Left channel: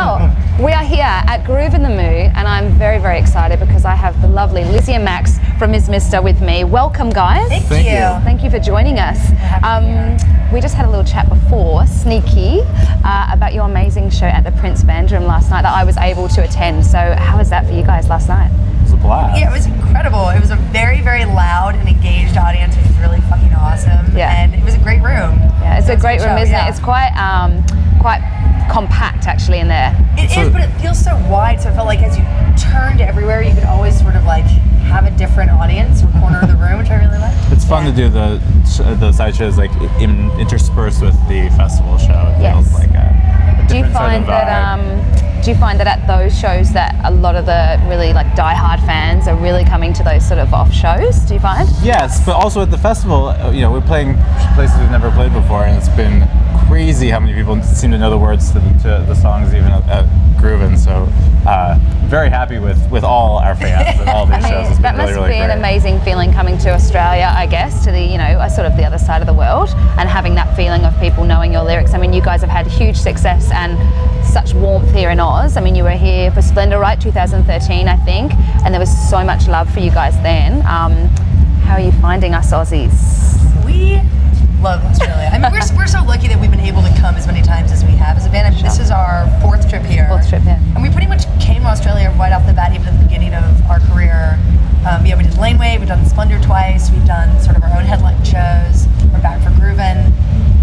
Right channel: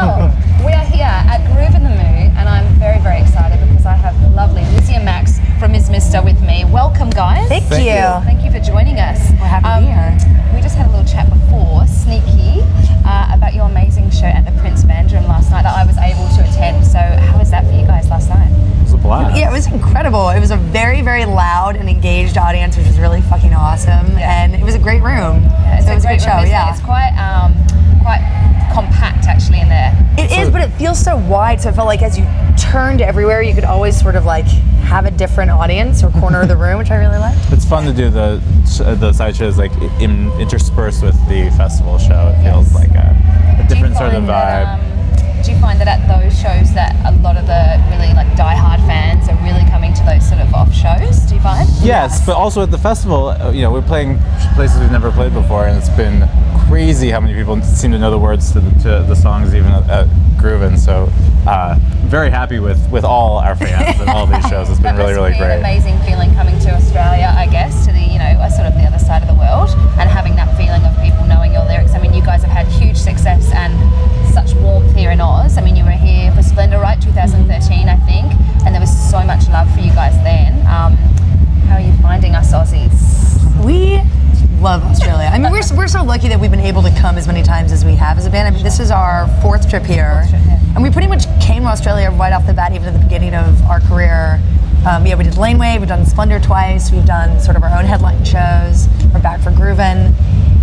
Well, we are here at Groovin The Moo, and I'm very, very excited because I have the lovely Lizzy and Max from Ms. Mister with me. Welcome, guys. Thank you. Thank you for joining us. We're happy to be here. We just had a little chat before, sneaky, about your amazing show at the Prince Band Room last night that I was able to attend. So how was that for you guys last night? It was a blast. Yeah, it was incredible. It was a very, very loud and engaged audience, which was really fucking awesome. Yeah. And it was a great room. Yeah, it's a great room, isn't show, it? It's quite compact actually in there. It is, but it feels so wide, so I felt like as you turned everywhere, you could always sort of like have a different audience or corner of the room, which I really liked. It's fun to do the side shows like interspersed with the festival show. It feels like a different sort of vibe. Do you find that at those shows that a lot of the really like die-hard fans are really coming to those sort of off shows? Do you find? Yes, but also at the festival, we're playing places we've never played before, and it's been crazy how many people seem to know the words to the songs even at Groovin. So very happy with all our fans and all these shows. It's been really, really great. That must be an amazing feeling coming to Australia, I guess, to the sort of the other side of the world, and having that feeling of people knowing your lyrics. I mean, you guys have had huge success and such warmth here in Oz. I mean, you were here for Splendour, right? 2013, I think, and there was so much love for you guys then. How are you finding us Aussies? We love Australia. I mean, we're so lucky that we've been able to come as many times as we have as a band. I mean, this is our fourth trip here. And we pretty much came to Australia right off the bat, even at the beginning of our career. We did Laneway, we've done Splendour twice, we've done sort of our own headline shows, we're back for Groovin.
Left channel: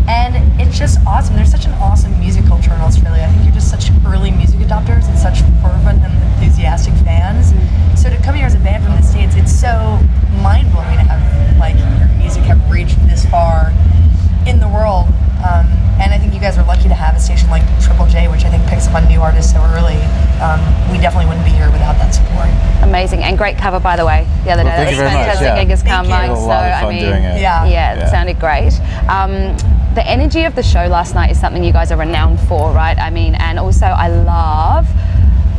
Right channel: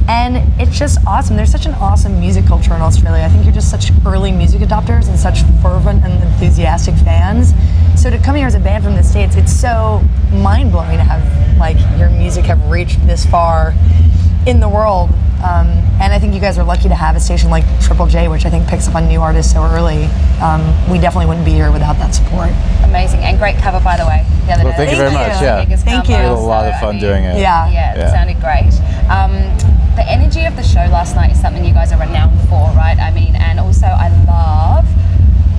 And it's just awesome. There's such an awesome music culture in Australia. I think you're just such early music adopters and such fervent and enthusiastic fans. So to come here as a band from the States, it's so mind-blowing to have like your music have reached this far in the world. And I think you guys are lucky to have a station like Triple J, which I think picks up on new artists so early. We definitely wouldn't be here without that support. Amazing, and great cover, by the way, the other day. Thank you very much. Gig has come. Thank you. It was a lot of fun doing it. Yeah, it sounded great. The energy of the show last night is something you guys are renowned for, right? I mean, and also I love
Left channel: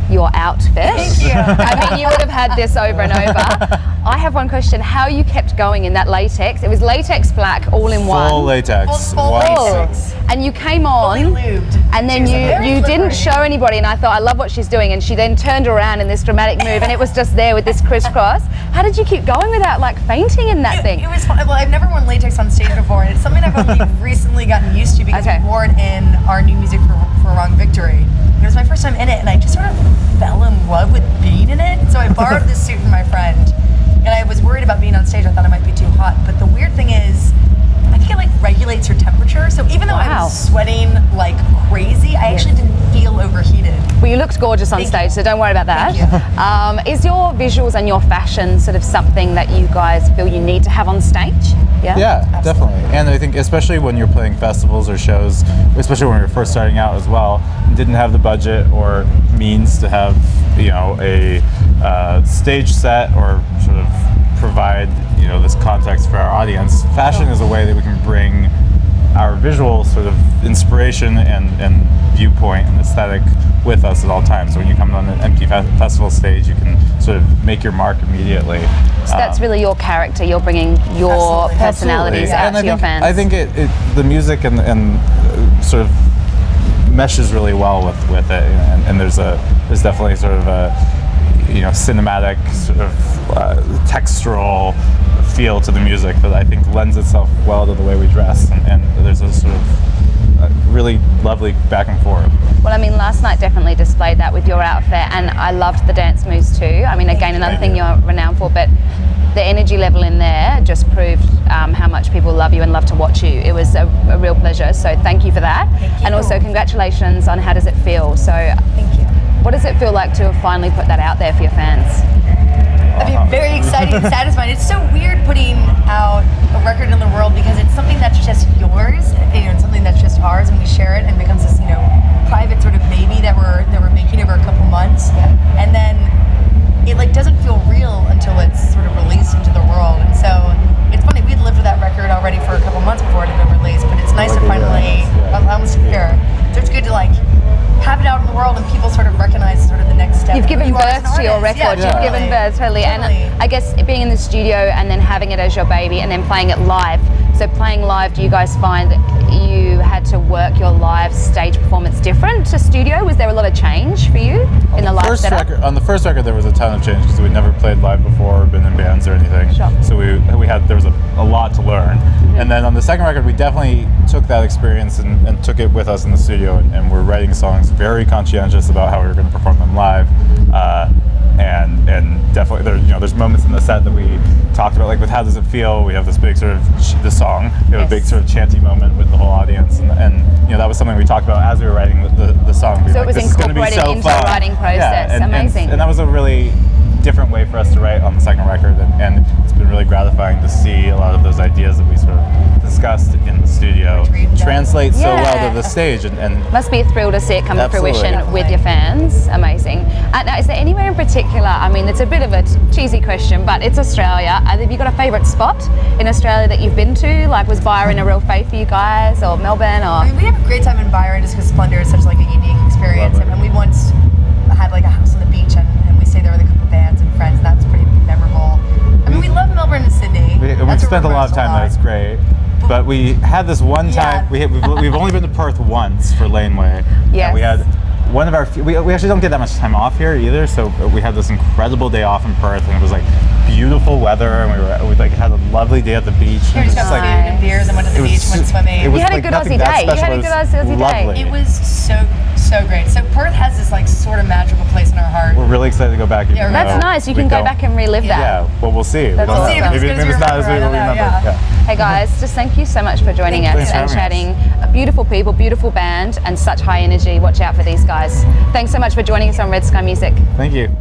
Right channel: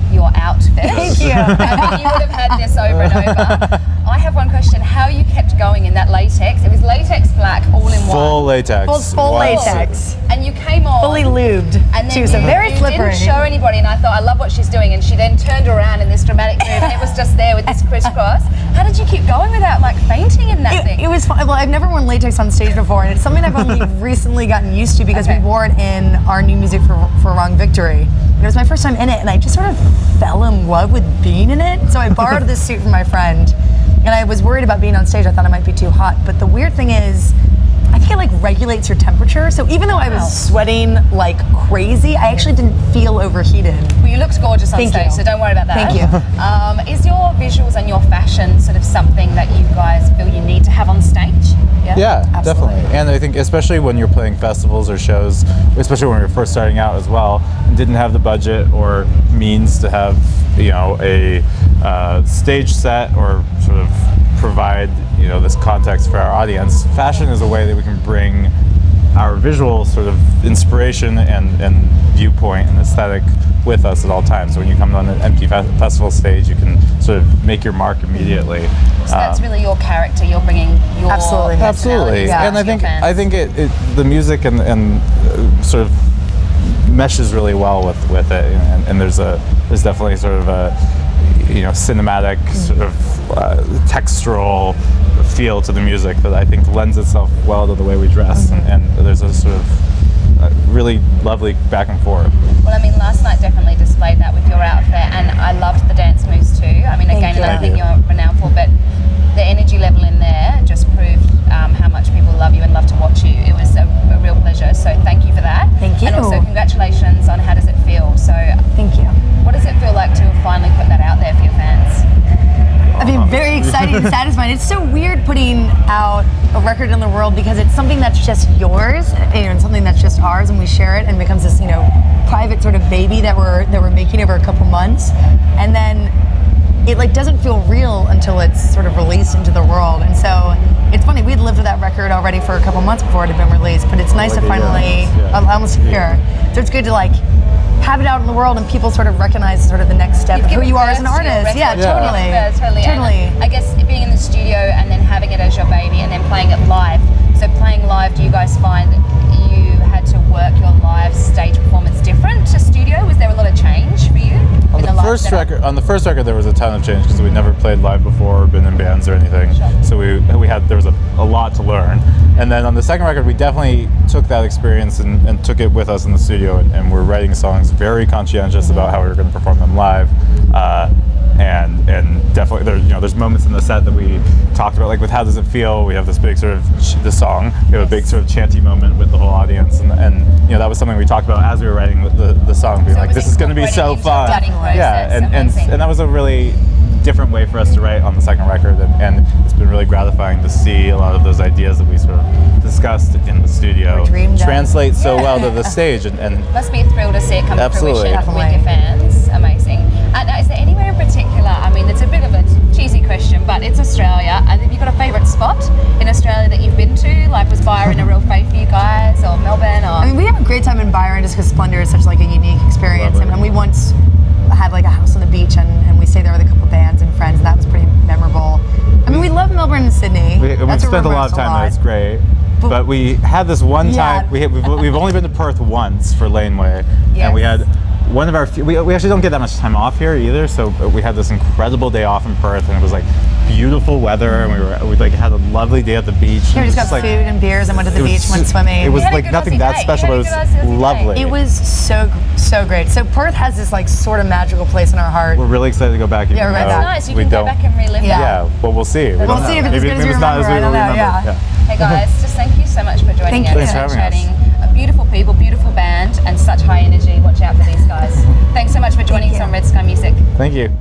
your outfit. Thank you. I mean, you would have had this over and over. I have one question: how you kept going in that latex? It was latex black, all in one. Full latex. Full latex. And you came on. Fully lubed. And then Very you didn't show anybody, and I thought, I love what she's doing. And she then turned around in this dramatic move, and it was just there with this crisscross. How did you keep going without like fainting in that thing? It was fun. Well, I've never worn latex on stage before, and it's something I've only recently gotten used to because we wore it in our new music for Wrong Victory. It was my first time in it, and I just sort of fell in love with being in it. So I borrowed this suit from my friend, and I was worried about being on stage. I thought it might be too hot. But the weird thing is, I think it like regulates your temperature. So even though I was sweating like crazy, I actually didn't feel overheated. Well, you looked gorgeous on stage, so don't worry about that. Thank you. Is your visuals and your fashion sort of something that you guys feel you need to have on stage? Yeah, definitely. And I think especially when you're playing festivals or shows, especially when you're first starting out as well, didn't have the budget or means to have a stage set or sort of provide this context for our audience. Fashion is a way that we can bring our visual sort of inspiration and viewpoint and aesthetic with us at all times. So when you come on an empty festival stage, you can sort of make your mark immediately. So that's really your character. You're bringing your personalities out to your fans. I think the music and sort of meshes really well with it, and there's definitely sort of a cinematic sort of textural feel to the music that I think lends itself well to the way we dress, and there's a sort of really lovely back and forth. Well, I mean, last night definitely displayed that with your outfit, and I loved the dance moves too. I mean, again, another thing you're renowned for, but the energy level in there just proved how much people love you and love to watch you. It was a real pleasure, so thank you for that. Thank you. And also congratulations on how does it feel. So thank you. What does it feel like to have finally put that out there for your fans? I've been very excited and satisfied. It's so weird putting out a record in the world because it's something that's just yours, and something that's just ours, and we share it and it becomes this, private sort of baby that we're making over a couple months, and then it like doesn't feel real until it's sort of released into the world. And so it's funny, we'd lived with that record already for a couple months before it had been released, but it's nice to finally, almost a year. So it's good to like have it out in the world and people sort of recognize sort of the next step. You've given who you are birth as an to artist. your record. Totally. Totally. And I guess being in the studio and then having it as your baby and then playing it live. So playing live, do you guys find you had to work your live stage performance different to studio? Was there a lot of change? in the live first setup? record, on the first record, there was a ton of change because we never played live before or been in bands or anything. Sure. So there was a lot to learn. And then on the second record, we definitely took that experience and took it with us in the studio, and we're writing songs very conscientious about how we were going to perform them live. And definitely there's moments in the set that we talked about, like with How Does It Feel. We have this big sort of the song. We have a big sort of chanty moment with the whole audience, and that was something we talked about as we were writing the song. We were like, this is going to be so into fun. the writing process. Amazing. And that was a really different way for us to write on the second record, and it's been really gratifying to see a lot of those ideas that we sort of discussed in the studio translate so well to the stage. And must be a thrill to see it come to fruition with your fans. Amazing. Now, is there anywhere in particular, I mean, it's a bit of a cheesy question, but it's Australia. Have you got a favourite spot in Australia that you've been to? Like, was Byron a real fave for you guys, or Melbourne? Or? I mean, we have a great time in Byron just because Splendor is such like a unique experience. Lovely. And we once had like a house on the beach, and we stayed there with a couple bands and friends, and that was pretty memorable. I mean, we love Melbourne and Sydney. We've spent a lot of time there. It's great. But we had this one time. We've only been to Perth once for Laneway, and we had one of our. We actually don't get that much time off here either, so we had this incredible day off in Perth, and it was like beautiful weather, and we like had a lovely day at the beach. We just got food and beers and went to the beach, went swimming. You It was had a like good nothing Aussie that day. special. You had a good Aussie day. Lovely. It was so great. So Perth has this like sort of magical place in our heart. We're really excited to go back. Yeah, That's nice. You can go back and relive that. Yeah, but we'll see. We'll see if it's Maybe as good as it's not as we remember. Yeah. Hey guys, just thank you so much for joining us and chatting. Beautiful people, beautiful band, and such high energy. Watch out for these guys. Thanks so much for joining us on Red Sky Music. Thank you.